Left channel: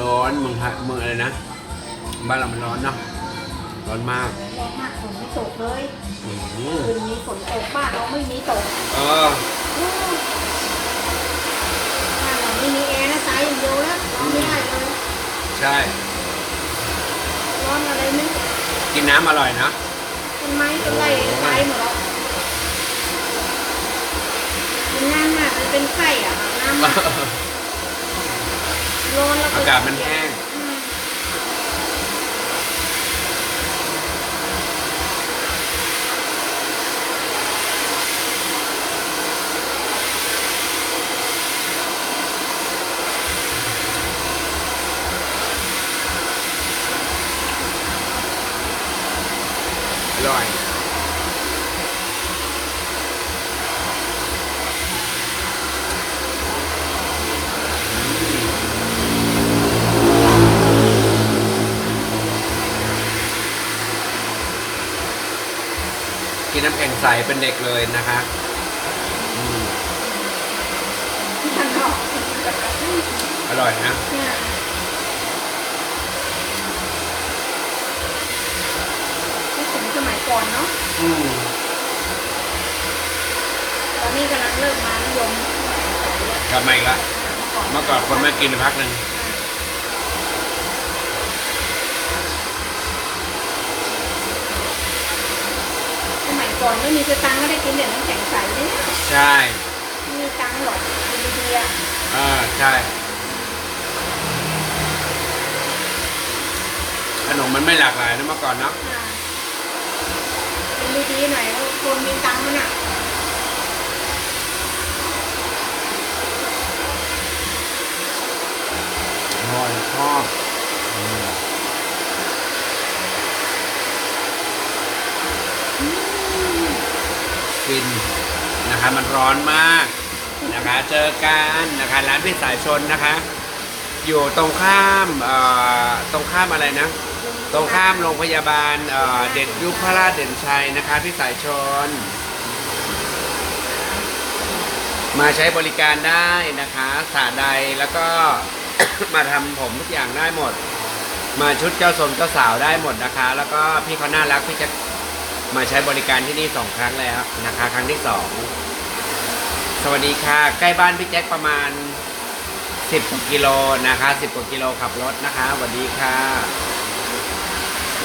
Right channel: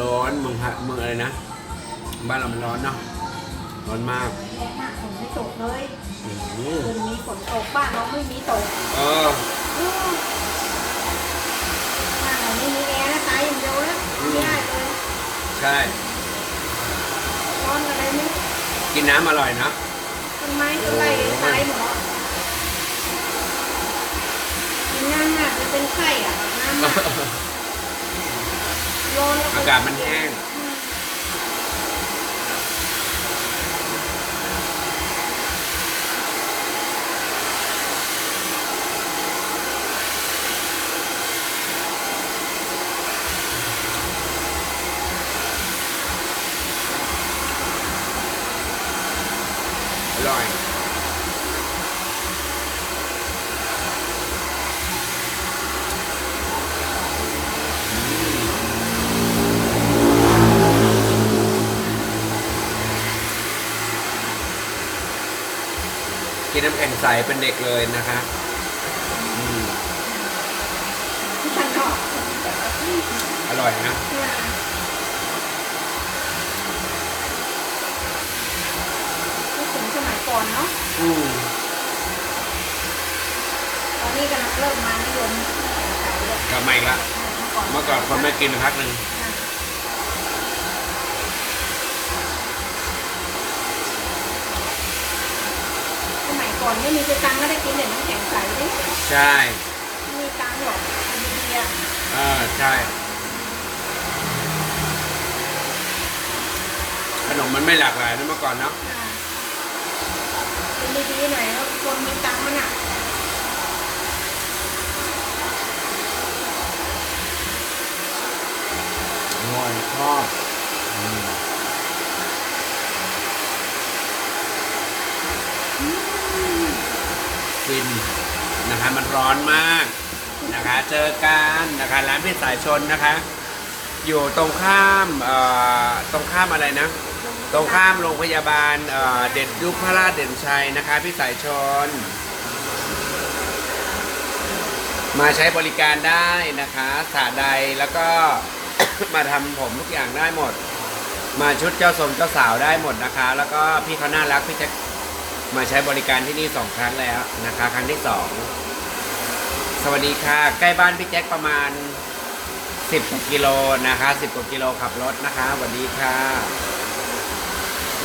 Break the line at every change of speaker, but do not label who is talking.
ร้อนเมืองไทยเมืองอะไรนะ บ้านเรามันร้อนเนาะร้อนมาก
ร้อนมากฝนไม่ตกเลย
อืม
คืนนี้ฝนตกบ้านเราไม่มีตก
เออ
เออบ้านเราไม่มีแอร์นะตายอย่างเดียวนะนอนไม่ได้เลย
ใช่
ร้อนอะไรไม่รู้
กินน้ำอร่อยนะ
ต้นไม้ต้นไรตายหมดแล้วกินนั่นน่ะมันเป็นไข้อะน้ำอะร้อนแล้ว
อากาศมันแห้ง
อ
ร่อย นน้ำแข็งใสเป็นเด็กเลยนะคะอืม
ข้างนอก
อร่อยนะ
ที่ถึงสมัยก่อนเนาะ
อืม
ตอนนี้กำลังเริ่มมานิยมใส่ใส่ด้วย
กลับมาอีกละ
เมื่อก่อน
เมื่อก่อนคนไม่กินพักหนึ่ง
สมัย ก่อนไม่มีสตังค์ก็ได้กินเหรียญน้ำแข็งใสเลย
ใช่
ไม่มีตังค์หรอกกินดีๆอะ
เออใช่ ขนมมันไม่หลากหลายนะเมื่อก่อนเนาะ
อ่ากินดีๆหน่อยแล้วคนมีตังค์มันอะ
อร่อยชอบ ฟินนะคะ มันร้อนมากนะคะ เจอกันนะคะ ร้านพี่สายชนนะคะ อยู่ตรงข้ามเอ่อตรงข้ามอะไรนะ ตรงข้ามโรงพยาบาลเอ่อเด่นยุพราชเด่นชัยนะคะ พี่สายชน มาใช้บริการได้นะคะสระใดแล้วก็ มาทำผมทุกอย่างได้หมด มาชุดเจ้าสมเจ้าสาวได้หมดนะคะ แล้วก็พี่เขาน่ารักพี่จะ มาใช้บริการที่นี่สองครั้งแล้วนะคะ ครั้งที่สองสวัสดีค่ะ ใกล้บ้านพี่แจ็คประมาณ 10กว่ากิโลนะคะ 10กว่ากิโลขับรถนะคะสวัสดีค่ะ